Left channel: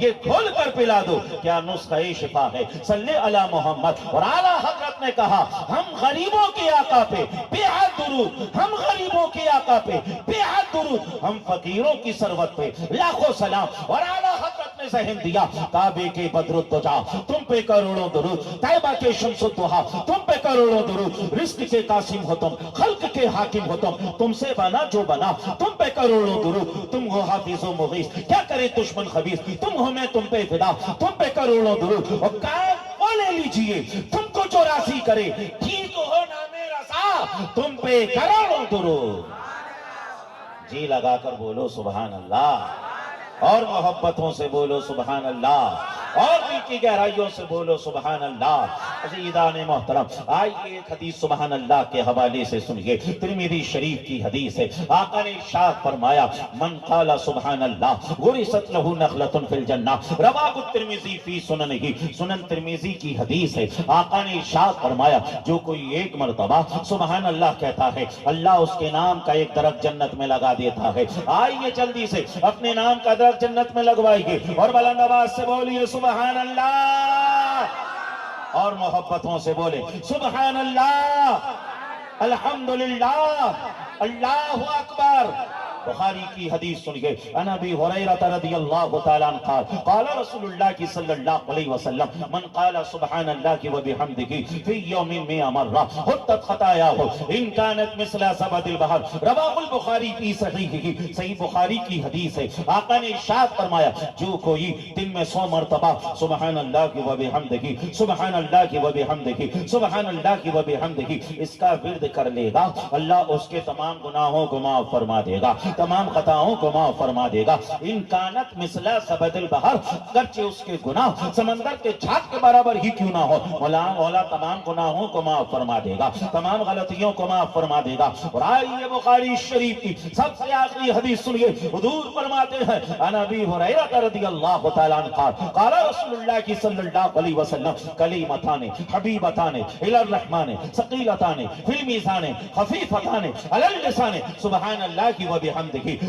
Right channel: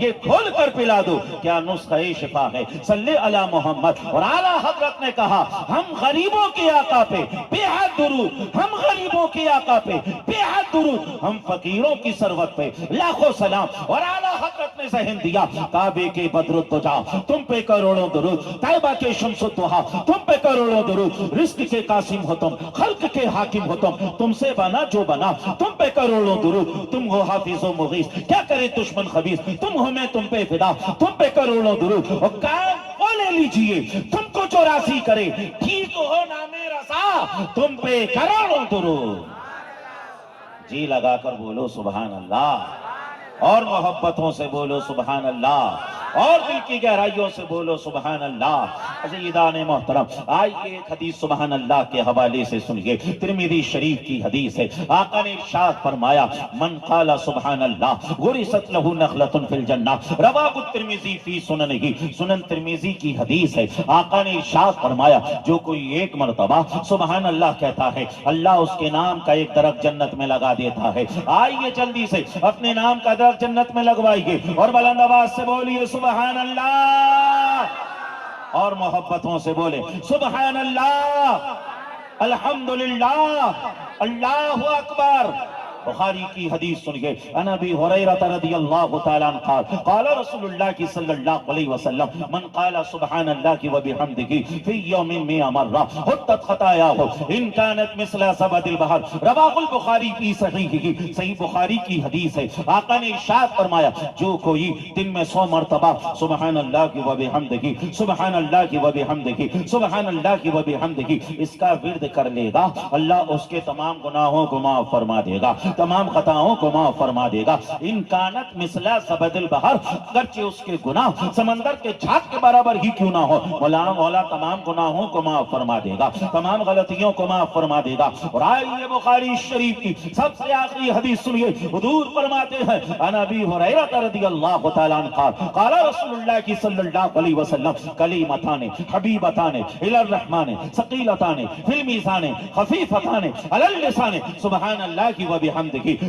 یہ کھول کر پلا دو، کیا نسخہ شفا ہے؟ صلی علی محمد۔ اور اعلیٰ حضرت نے کہا ہم غریبوں کے آقا پہ بے حد درود، ہم غریبوں کے آقا پہ بے حد درود، ہم فقیروں کی ثروت پہ لاکھوں سلام۔ اور اعلیٰ حضرت نے ذہن دیا کعبے کے بدر الدجا تم پہ کروڑوں درود، طیبہ کے شمس الضحیٰ تم پہ کروڑوں درود، رزق کے قاسم ہو تم، خلق کے حاکم ہو تم سے بنا جو بنا تم پہ کروڑوں درود، تم ہو حافظ و مغیث کیا کرے دشمن خبیث، تم ہو میں تم پہ فدا تم پہ کروڑوں درود۔ اور کام وہ لے لیجئے تم کو جو راضی کرے، ٹھیک ہو نام رضا تم پہ کروڑوں درود۔ جی لگا کر بولو سبحان اللہ، اور محبتوں سے بولو سبحان اللہ، اور دل کی گہرائیوں سے بولو سبحان اللہ۔ عزیزان محترم، آئیے ایک حدیث سبحان اللہ کے حوالے سے سنیے، ترمذی شریف کی حدیث ہے۔ آقا نے ارشاد فرمایا من قال سبحان اللہ غرست لہ نخلۃ فی الجنہ، رواہ الترمذی فی سننہ، سنن ترمذی کی حدیث ہے۔ آقا نے ارشاد فرمایا جو کوئی ایک مرتبہ سبحان اللہ کہتا ہے، اللہ اس کے نام کا ایک درخت جنت میں لگا دیتا ہے۔ آئیے جلدی سے اپنے نام کا درخت جنت میں لگوائیے اور بلند آواز سے بولیے سبحان اللہ، اور محبتوں سے بولیں سبحان اللہ، الحمدللہ، اللہ اکبر۔ بخاری کی حدیث سنیے، عن ابی ہریرہ رضی اللہ تعالیٰ عنہ قال قال رسول اللہ صلی اللہ علیہ وسلم من قال سبحان اللہ وبحمدہ فی یوم مئة مرہ حطت خطایاہ ان کانت مثل زبد البحر، رواہ البخاری فی صحیحہ، صحیح بخاری کی حدیث ہے۔ آقا نے ارشاد فرمایا جو کوئی دن میں 100 مرتبہ سبحان اللہ وبحمدہ، سبحان اللہ وبحمدہ، سبحان اللہ وبحمدہ اس کا ورد کر لے گا، اللہ اس کے تمام گناہوں کو معاف فرما دے گا، تمام خطاؤں کو معاف فرما دے گا۔ ان کانت مثلا زبد البحر، اگرچہ اس کے گناہ سمندر کے چھاپ کے برابر ہی کیوں نہ ہو، مولا تمام گناہوں کو معاف فرما دے گا، تمام غلطیوں کو معاف فرما دے گا۔ اور آئیے بخاری شریف کی سب سے آخری حدیث سنیے، حضور فرماتے ہیں عن ابی ہریرہ رضی اللہ تعالیٰ عنہ قال قال رسول اللہ صلی اللہ علیہ وسلم کلیمتان حبیبتان الی الرحمن ثقیلتان فی المیزان خفیفتان علی اللسان سبحان اللہ وبحمدہ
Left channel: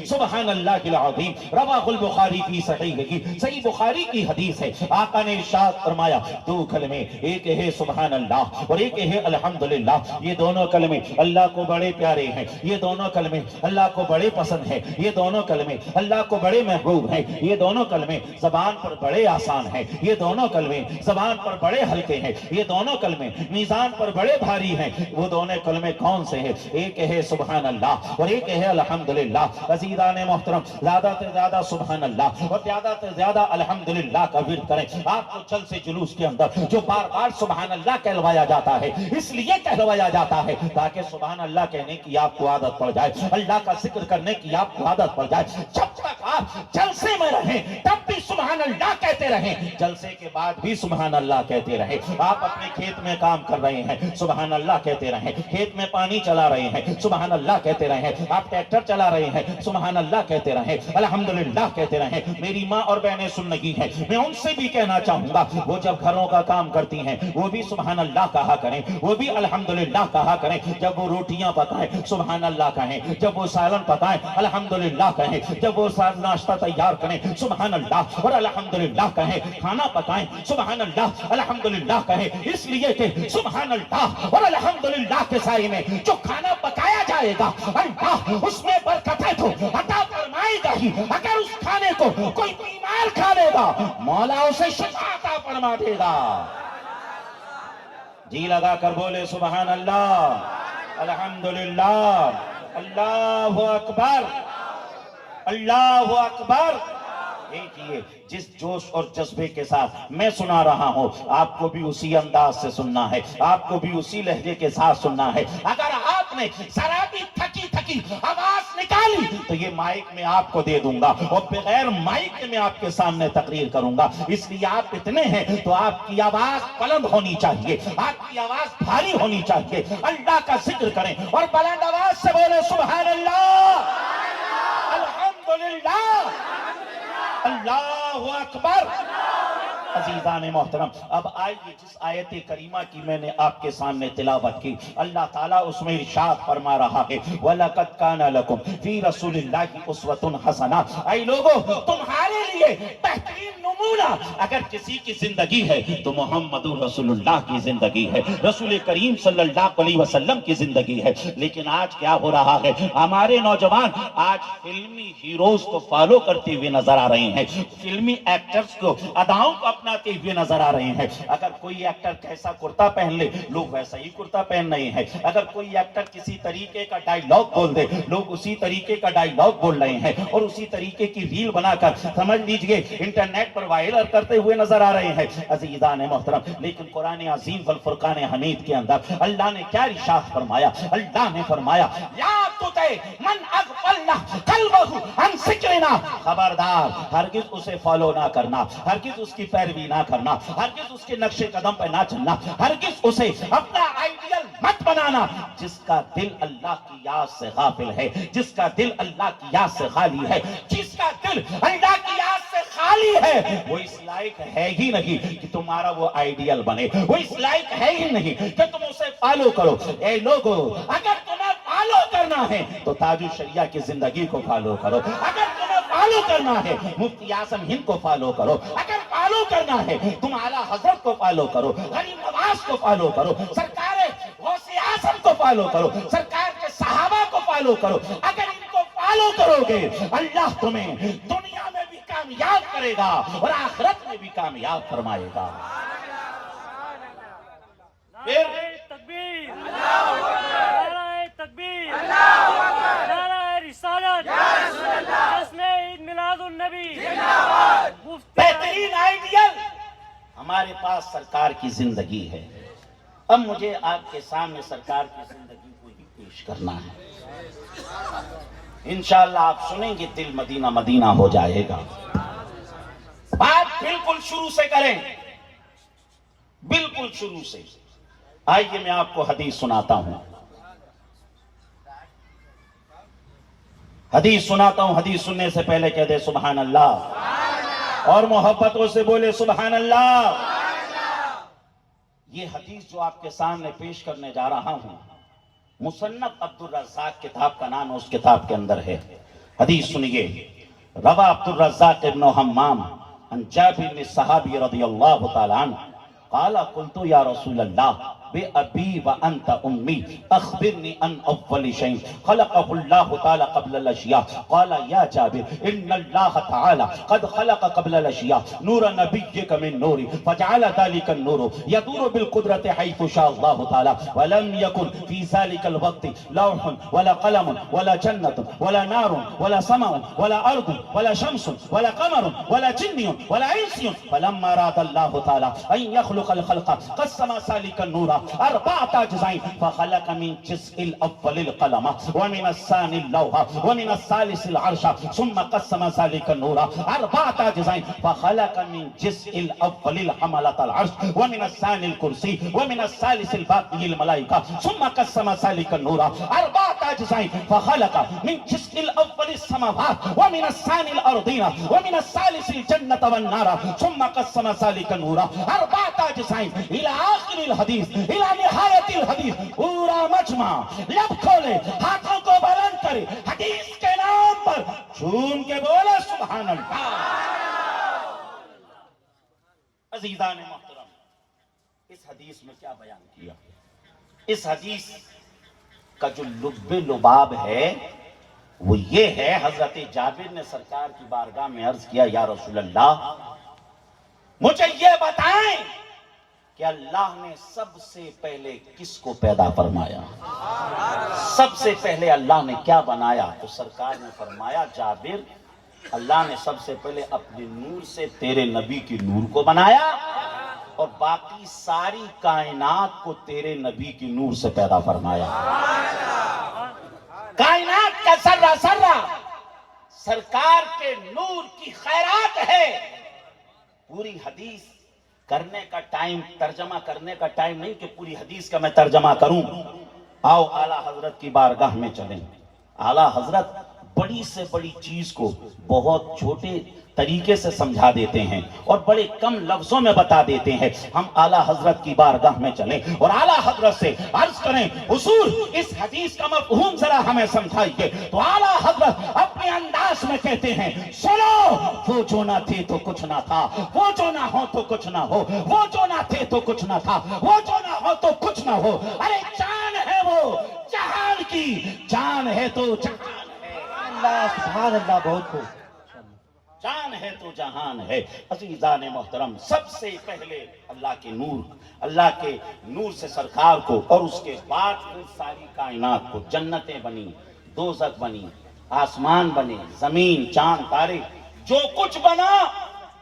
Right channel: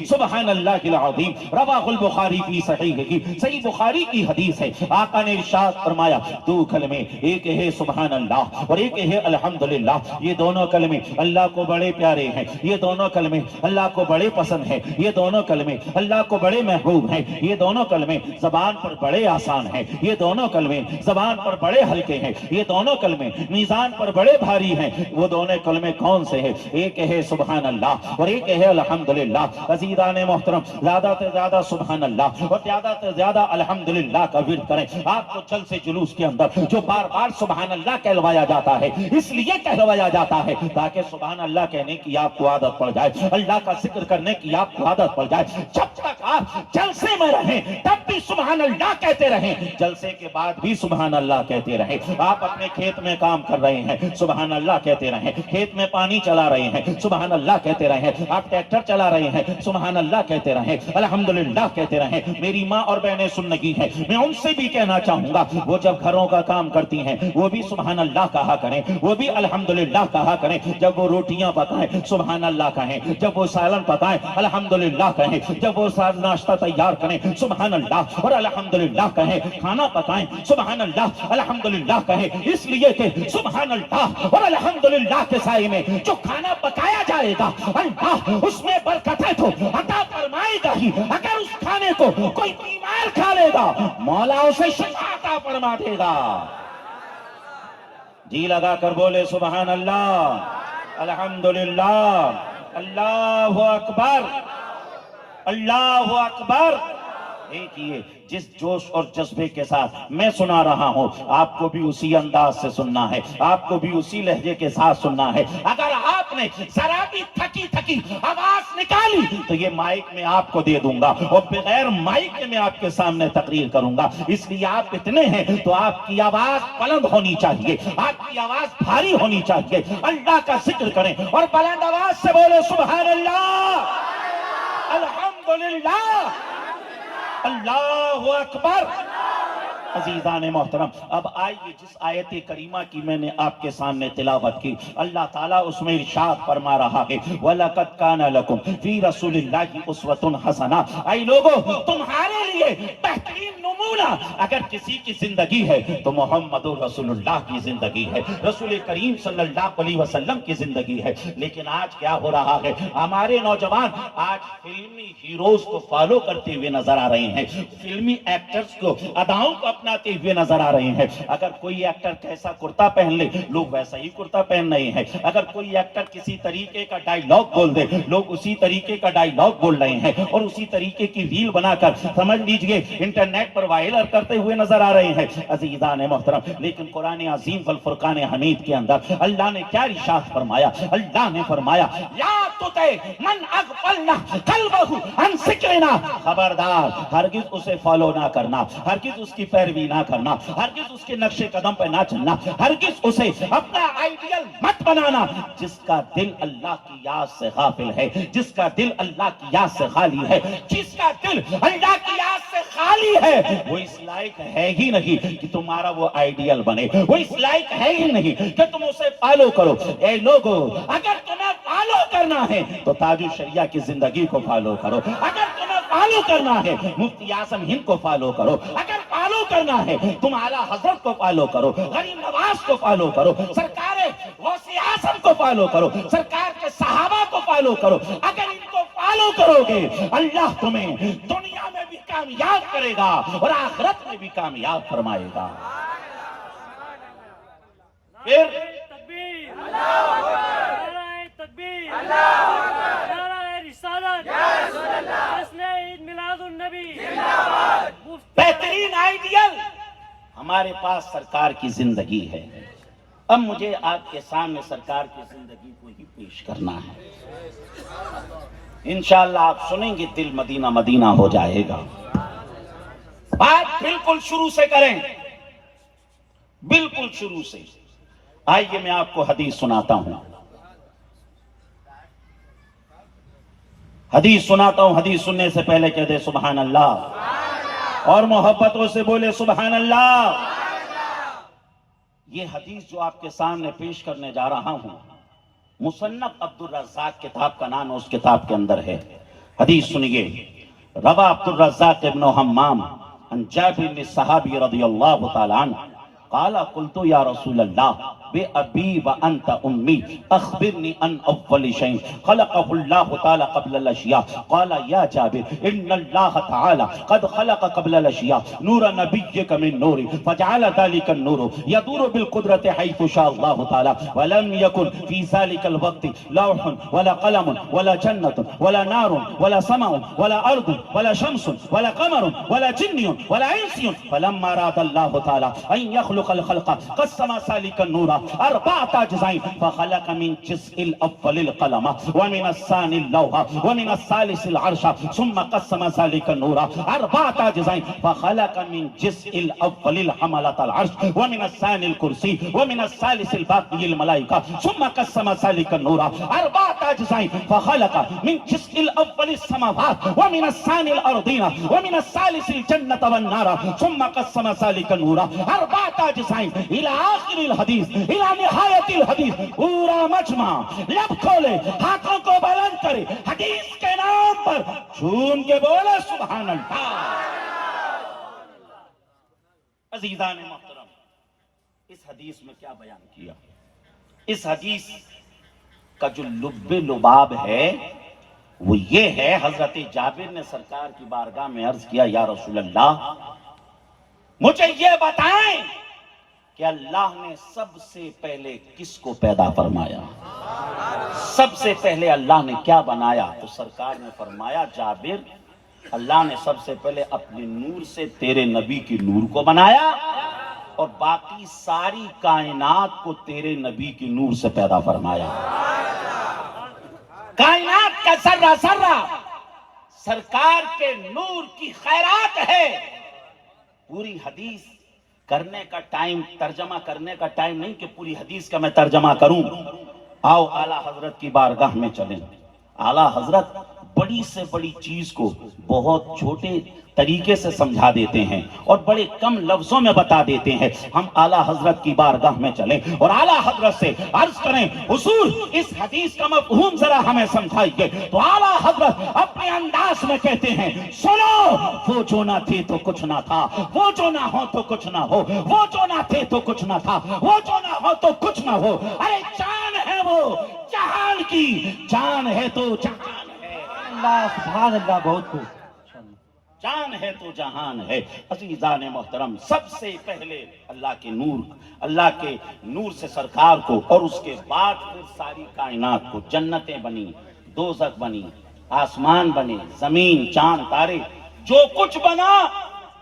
سبحان اللہ العظیم، رواہ البخاری فی صحیحہ، صحیح بخاری کی حدیث ہے۔ آقا نے ارشاد فرمایا دو کلمے، ایک ہے سبحان اللہ اور ایک ہے الحمدللہ، یہ دونوں کلمے اللہ کو بڑے پیارے ہیں، یہ دونوں کلمے اللہ کو بڑے پسند ہیں، یہ دونوں کلمے اللہ کو بڑے محبوب ہیں، یہ دونوں کلمے زبان پر بڑے آسان ہیں، یہ دونوں کلمے زبان پر بڑے ہلکے ہیں، یہ دونوں کلمے میزان پر بڑے بھاری ہیں۔ وہ دونوں کلمے کون سے ہیں؟ ایک ہے سبحان اللہ اور ایک ہے الحمدللہ۔ عزیزان محترم، زیادہ سے زیادہ سبحان اللہ اور زیادہ سے زیادہ الحمدللہ کا ورد کریں۔ آپ کو چل سے جلوس کے اندر جو بار بار سبحان اللہ کہلوایا جاتا ہے، اس لیے کہلوایا جاتا ہے تاکہ سبحان اللہ کہنے کی آپ کو عادت پڑ جائے، اللہ کا ذکر کرنے کی آپ کو عادت پڑ جائے۔ جب تک آپ جلسے میں رہیں تب بھی سبحان اللہ کہتے رہیں، جلسے کے بعد بھی سبحان اللہ کہتے رہیں۔ آپ اپنے کھیت میں کام کر رہے ہیں، سبحان اللہ کہتے رہیں، کھیت میں پانی چلا رہے ہیں، سبحان اللہ کہتے رہیں، آپ ٹریکٹر چلا رہے ہیں، سبحان اللہ کہتے رہیں، الحمدللہ کہتے رہیں۔ میری ماں اور بہنیں سن لگی ہیں، میں ان سے بھی کہنا چاہوں گا وہ جب گھروں کا کام کرتی ہیں وہ بھی سبحان اللہ کہا کریں، وہ بھی الحمدللہ کہا کریں۔ جب وہ روٹیاں پکائیں سبحان اللہ کہیں، جب وہ سالن پکائیں الحمدللہ کہیں، جب وہ ناشتہ تیار کریں سبحان اللہ اور الحمدللہ کہیں، کھانا پکائیں سبحان اللہ الحمدللہ کہیں، اس لیے کہ سبحان اللہ اور الحمدللہ کے سائے میں جو کھانا پکایا جائے گا اللہ اس میں برکتیں تو عطا فرمائے گا ہی۔ اگر اس کھانے کو کوئی بیمار کھا لے گا مولا اسے شفا عطا فرما دے گا۔ جی لگا کر بولے سبحان اللہ، الحمدللہ، اللہ اکبر، اللہ اکبر۔ دیکھیے جس جوش اور جذبے کے ساتھ میں سنا رہا ہوں آپ کو بھی اسی انداز سے سننا ہے، آپ کو بھی اسی لہجے کے ساتھ سننا ہے۔ اگر آپ نے ذرا بھی تھکی تھکی آواز نکالی تو یہ مائک میں آپ کو دے دوں گا اور بغیر مائک میں آپ کے سامنے تقریر کروں گا۔ اس لیے آپ اتنے ہیں تو آپ کی آواز بلند ہونی چاہیے، آپ کی آواز بھاری ہونی چاہیے۔ اللہ کا ذکر کریں اور بلند آواز سے بولے سبحان اللہ، الحمدللہ، اللہ اکبر، عزیزان محترم، اب آئیے جس آیت کریمہ کی میں نے آپ کے سامنے تلاوت کی، اللہ تعالیٰ اس میں ارشاد فرما رہا ہے وَلَقَدْ كَانَ لَكُمْ فِي رَسُولِ اللَّهِ أُسْوَةٌ حَسَنَةٌ، اے لوگوں تمہارے لیے بہترین نمونہ اگر کسی کی زندگی ہے تو محمد رسول اللہ کی زندگی ہے، رسول کریم صلی اللہ علیہ وسلم کی زندگی ہے۔ لیکن آج کیا ہو رہا ہے، ہمارے نوجوان آج فلمی ہیروز کو فالو کرتے ہوئے نظر آ رہے ہیں، فلمی ایکٹرز کو، اداؤں کو اپناتے ہوئے نظر آ رہے ہیں۔ اگر کوئی ایکٹر کیسا کرتا پہن لے لوگ ویسا ہی کرتا پہن رہے ہیں، اگر کوئی ایکٹر کسی طریقے کا ڈائیلاگ بول دے لوگ اسی طریقے کا ڈائیلاگ بول رہے ہیں، اور اسی طریقے کی ریل بنا کر سمجھ لیجئے انٹرنیٹ پر وائرل کرتے ہوئے نظر آ رہے ہیں۔ عزیزان محترم، لیکن قرآن عظیم والفرقان حمید کے اندر اللہ نے کیا ارشاد فرمایا؟ اللہ نے فرمایا لا تطع من اغفلنا قلبه عن ذکرنا، خبردار ہرگز اسے فالو نہ کرنا، ہرگز اس کی پیروی نہ کرنا، ہرگز اس کے نقش قدم پہ نہ چلنا، ہرگز اسے اپنا آئیڈیل مت بنانا۔ جس کا دل اللہ کی یاد سے غافل ہے، جس کا دل اللہ کی یاد سے خالی ہے، جس کا دل اللہ کی یاد سے خالی ہے، وہ اس لائق ہے ہی نہیں کہ تمہارا وہ آئیڈیل بنے، وہ اس لائق ہے ہی نہیں کہ تم اسے فالو کرو۔ اے لوگو، اگر تمہیں فالو کرنا ہے تو تاج الشریعہ کی زندگی کو فالو کرو، اگر تمہیں فالو کرنا ہے مفتی اعظم ہند کو فالو کرو، اگر فالو کرنا ہے تم اعلیٰ حضرت کو فالو کرو، غریب نواز کو فالو کرو، سرکار غوث اعظم کو فالو کرو، سرکار کے صحابہ کو فالو کرو۔ اگر ان کو فالو کرو گے اللہ تمہیں دنیا میں بھی کامیاب کرے گا اور آخرت میں بھی کامیاب فرمائے گا۔ پھر تکبیر، نعرہ تکبیر، نعرہ رسالت، جشن عید میلاد النبی، بہترین آئیڈیل ہمارے پاس سرکار کی زندگی ہے۔ اب مجھے آپ کے سامنے سرکار کی زندگی کو ہی پیش کرنا ہے۔ انشاءاللہ آپ سنیں گے دل مدینہ مدینہ ہو جائے گا۔ بات بالکل شروع سے کریں، بالکل شروع سے۔ آئیے میں آپ کو حدیث سناتا ہوں، حدیث سناتا ہوں۔ حدیث سننے سے پہلے کہہ دے سبحان اللہ، اور محبتوں سے بولے سبحان اللہ۔ یہ حدیث جو آپ کے سامنے پیش کرنے جا رہا ہوں، مصنف عبد الرزاق کتاب کا نام اس کتاب کے اندر ہے۔ حدیث سنیے، روا عبد الرزاق ابن حمام عن جابر بن صحابی رضی اللہ تعالی عنہ قال قلت یا رسول اللہ بأبی وأنت أمي أخبرني عن أول شيء خلقه الله تعالى قبل الأشياء قال يا جابر إن الله تعالى قد خلق قبل الأشياء نور نبيك من نوري فجعل ذلك النور يدور بالقدرة حيث شاء الله تعالى ولم يكن في ذلك الوقت لوح ولا قلم ولا جنة ولا نار ولا سماء ولا أرض ولا شمس ولا قمر ولا جن ولا إنس فلما أراد الله تعالى أن يخلق الخلق قسم ذلك النور أربعة أجزاء فخلق من جزء الأول القلم ومن الثاني اللوح ومن الثالث العرش ثم قسم ذلك النور أربعة أجزاء فخلق من جزء الأول الحملة العرش ومن الثاني الكرسي ومن الثالث الباقي الملائكة ثم قسم ذلك النور أربعة أجزاء فخلق من جزء الأول السماوات ومن الثاني الأرضين ومن الثالث الجنة والنار ثم قسم ذلك النور أربعة أجزاء إلى آخر الحديث إلى نهاية الحديث۔ پورا مجمع لب کھولے، ہاتھوں کو بلند کرے، حدیث کے نام پر جھوم کے بولے سبحان اللہ۔ عزیزان محترم، اس حدیث میں کیا بیان کیا؟ اس حدیث کا جو لب لباب ہے وہ یہ ہے، حضرت جابر نے سرکار کی بارگاہ میں عرض کیا یا رسول اللہ مجھے یہ بتائیں کہ اللہ نے سب سے پہلے کس کو پیدا فرمایا؟ سب سے پہلے اللہ نے کیا بنایا؟ تو سرکار نے فرمایا جابر اللہ نے سب سے پہلے اپنے نور سے تیرے نبی کی نور کو بنایا اور باقی ساری کائنات کو تیرے نبی کی نور سے پیدا فرمایا۔ کائنات کا ذرہ ذرہ سرکار کے نور کی خیرات ہے۔ پوری حدیث کرنے کا ٹائم، ترجمہ کرنے کا ٹائم نہیں کہ پوری حدیث کا میں ترجمہ کروں۔ آؤ اعلیٰ حضرت کی بارگاہ میں چلیں۔ اعلیٰ حضرت بڑی سے بڑی چیز کو بہت چھوٹے طریقے سے سمجھا دیتے ہیں اور بڑے کم لفظوں میں بتا دیتے ہیں. ہم اعلیٰ حضرت کی بارگاہ میں چلیں اور اعلیٰ حضرت سے عرض کریں حضور اس حدیث کا مفہوم ذرا ہمیں سمجھائیے. تو اعلیٰ حضرت اپنے انداز میں کہتے ہیں سنو، وہ جو نہ تھے تو کچھ نہ تھا، وہ جو نہ ہو تو کچھ نہ ہو، وہ جو نہ تھے تو کچھ نہ تھا، وہ جو نہ ہو تو کچھ نہ ہو. ارے جان ہے وہ جہان کی، جان ہے تو جہان ہے. اللہ سبحان اللہ، بہت خوب. جان ہے تو جہان ہے. عزیزان محترم، سب سے پہلے اللہ کے نور سے سرکار کو، اور اس کے بعد پھر ساری کائنات کو. جنتیں بنی، دوزخ بنی، آسمان بنے، زمین، چاند، تارے، جو کچھ بنا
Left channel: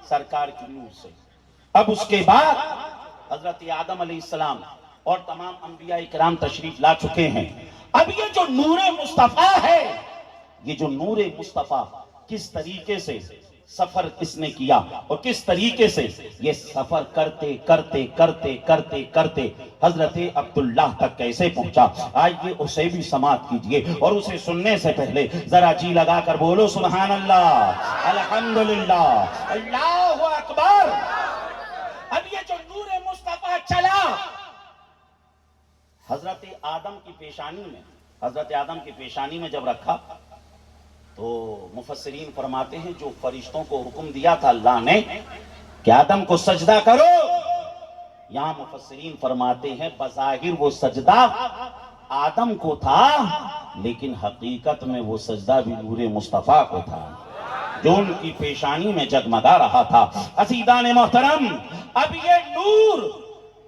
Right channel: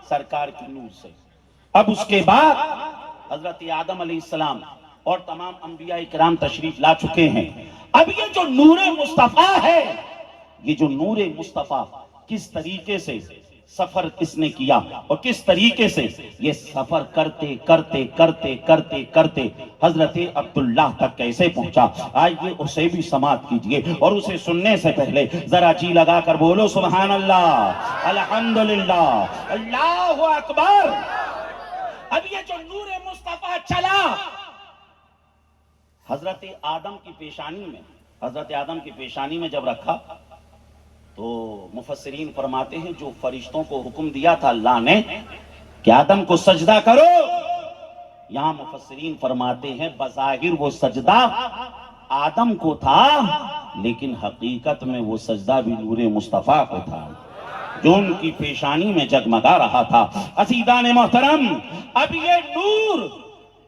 سرکار کی نور سے. اب اس کے بعد حضرت آدم علیہ السلام اور تمام انبیاء کرام تشریف لا چکے ہیں. اب یہ جو نور مصطفیٰ ہے، یہ جو نور مصطفیٰ کس طریقے سے سفر کس نے کیا اور کس طریقے سے یہ سفر کرتے کرتے کرتے کرتے کرتے حضرت عبداللہ تک کیسے پہنچا، آئیے اسے بھی سماعت کیجئے. اور اسے سننے سے پہلے ذرا جی لگا کر بولو سبحان اللہ، الحمدللہ، اللہ اکبر. اب یہ جو نور مصطفیٰ چلا حضرت آدم کی پیشانی میں جب رکھا تو مفسرین فرماتے ہیں جو فرشتوں کو حکم دیا تھا اللہ نے کہ آدم کو سجدہ کرو، یہاں مفسرین فرماتے ہیں بظاہر وہ سجدہ آدم کو تھا، لیکن حقیقت میں وہ سجدہ بھی نور مصطفیٰ کو تھا جو ان کی پیشانی میں جگمگا رہا تھا. عزیزان محترم، اب یہ نور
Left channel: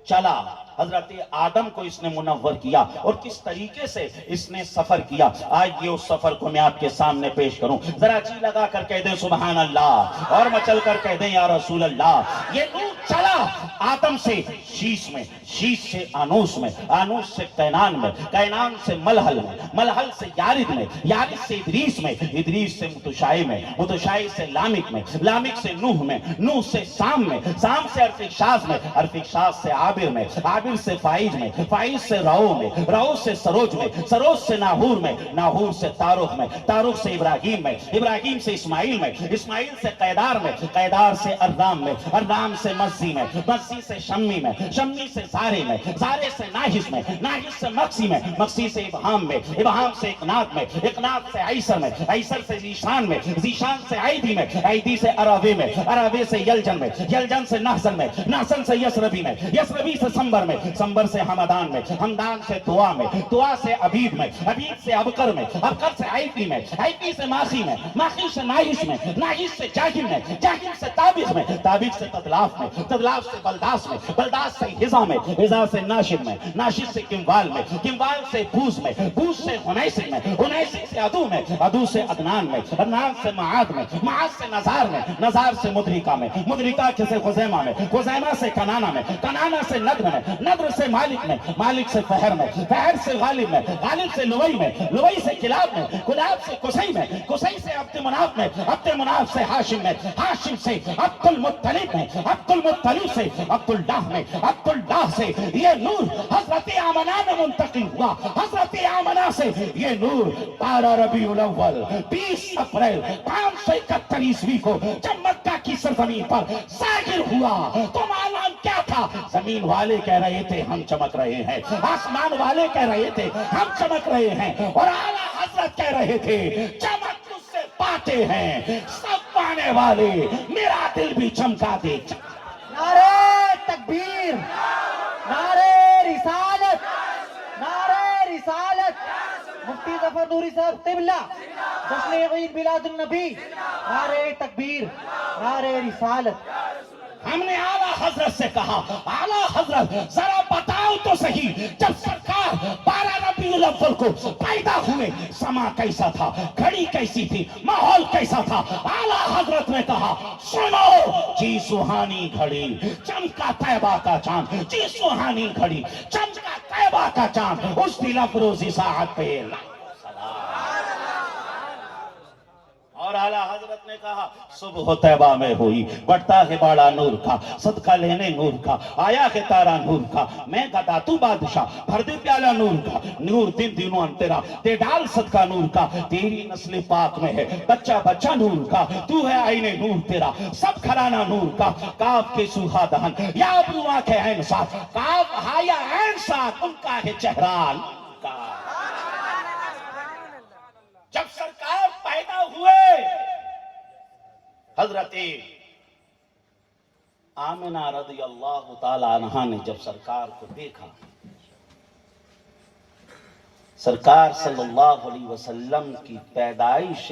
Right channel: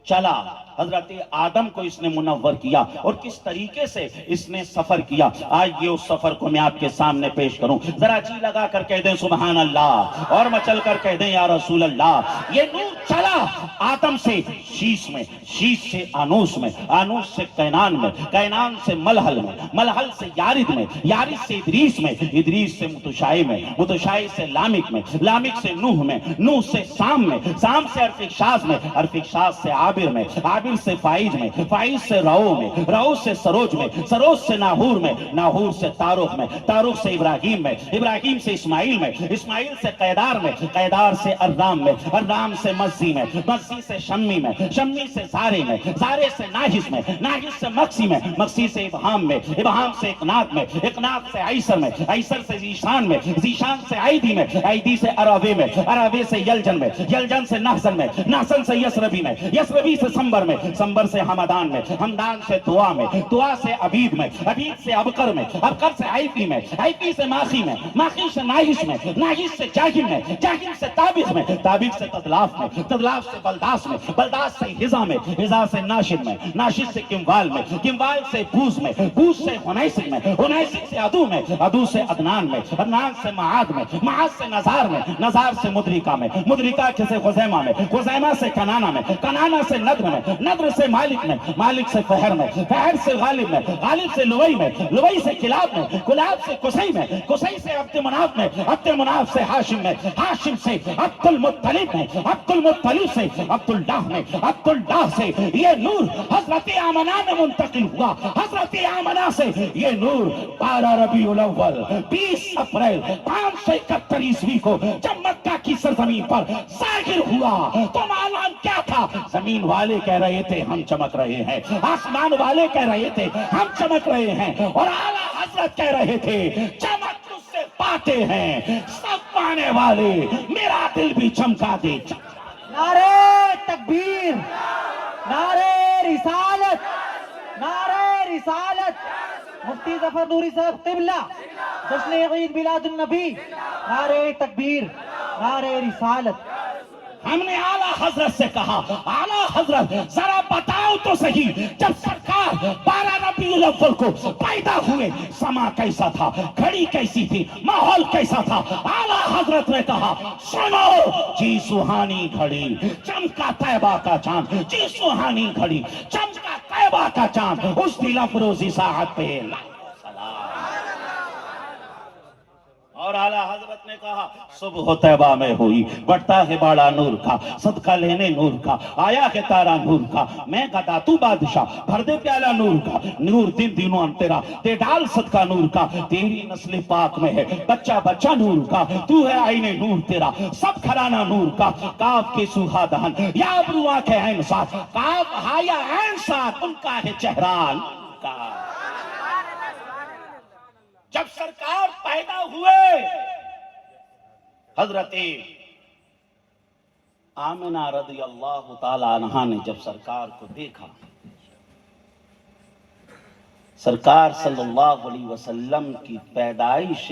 چلا، حضرت آدم کو اس نے منور کیا اور کس طریقے سے اس نے سفر کیا. آج یہ اس سفر کو میں آپ کے سامنے پیش کروں. ذرا جی لگا کر کہہ دیں سبحان اللہ اور مچل کر کہہ دیں یا رسول اللہ. یہ نور چلا آدم سے شیش میں، شیش سے آنوس میں، آنوس سے کینان میں، کینان سے ملحل میں، ملحل سے یارد میں، یارد سے ادریس میں، ادریس سے متشائع میں، متشائع سے لامک میں، لامک سے نوح میں، نوح سے سام میں، سام سے ارفکشاز میں، ارفکشاز سے عابر میں، عابر سے فائز میں، فائز سے راؤ میں، راؤ سے سروج میں، سروج سے ناہور میں، ناہور سے تاروخ میں، تاروخ سے ابراہیم میں، ابراہیم سے اسماعیل میں، اسماعیل سے قیدار میں، قیدار سے ارنام میں، ارنام سے مزی میں، مزی سے شمی میں، شمی سے زارے میں، زارے سے ناحس میں، ناحس سے مقسی میں، مقسی سے ابہام میں، ابہام سے اقنات میں، اقنات سے عیسر میں، عیسر سے زیشان میں، زیشان سے عیدی میں، عیدی سے عرابے میں، عرابے سے یلجن میں، یلجن سے نحسن میں، نحسن سے یسربی میں، یسربی سے سمبر میں، سمبر سے حمدان میں، حمدان سے دعا میں، دعا سے عبید میں، عبید سے ابکر میں، ابکر سے عیفی میں، عیفی سے ماخی میں، ماخی سے ناحس میں، ناحس سے جاہم میں، جاہم سے تابق میں، تابق سے تدلاف میں، تدلاف سے بلداس میں، بلداس سے ہزا میں، ہزا سے ناشد میں، ناشد سے کموال میں، کموال سے بوز میں، بوز سے ہنیسک میں، ہنیسک سے عدو میں، عدو سے عدنان میں، عدنان سے معاد میں، معاد سے نزار میں، نزار سے مدرکہ میں، مدرکہ سے خزیمہ میں، خزیمہ سے کنانہ میں، کنانہ سے ندر میں، ندر سے مالک میں، مالک سے فہر میں، فہر سے غالب میں، غالب سے لوئی میں، لوئی سے کلاب میں، کلاب سے قصی میں، قصی سے عبد مناف میں، عبد مناف سے ہاشم میں، ہاشم سے عبد المطلب میں، عبد المطلب سے عبداللہ میں، عبداللہ سے یہ نور حضرت آمنہ میں منتقل ہوا. حضرت آمنہ سے یہ نور 12 ربیع الاول 20 اپریل 571 عیسوی کو جب مکہ کی سرزمین پر ظاہر ہوا تو معلوم کیا تھا؟ زمین والے کہہ رہے تھے ہم چمک رہے ہیں، آسمان والے کہہ رہے تھے ہم چمک رہے ہیں، اور اعلیٰ حضرت کہہ رہے تھے چمک تجھ سے پاتے ہیں سب پانے والے، میرا دل بھی چمکا دے. نعرہ تکبیر، نعرہ رسالت، نعرہ رسالت. مفتی ظفر نوری صاحب قبلہ، جشن عید میلاد النبی. نعرہ تکبیر، نعرہ رسالت. ہم نے اعلیٰ حضرت سے کہا اعلیٰ حضرت ذرا بتاؤ تو صحیح، جب سرکار 12 ربیع الاول کو پیدا ہوئے سما کیسا تھا، گھڑی کیسی تھی، ماحول کیسا تھا؟ اعلیٰ حضرت نے کہا سنو جی سہانی گھڑی چمکا طیبہ کا چاند، جی سہانی گھڑی چمکا طیبہ کا چاند، اس دل افروزی ساعت پہ اور اعلیٰ حضرت نے کہا صبح طیبہ میں ہوئی، بڑھتا ہے باڑا نور کا، صدقہ لینے نور کا، آیا ہے تارا نور کا، میں گدا تو بادشاہ، بھر دے پیالہ نور کا، نور دن دنوں تیرا، تے ڈال صدقہ نور کا، تیری نسل پاک میں ہے بچہ بچہ نور کا، تو ہے آئین نور تیرا، سب کھرانا نور کا، کاف کے سوہا دہن، یا ابرو آنکھ عین ساتھ، کاف ہایا عین ساتھ، ان کا ہے چہران کا۔ جب سرکار پیدا ہوئے، حضرت آمنہ رضی اللہ تعالی عنہا نے جب سرکار کو دیکھا، سرکار صلی اللہ علیہ وسلم کی پیدائش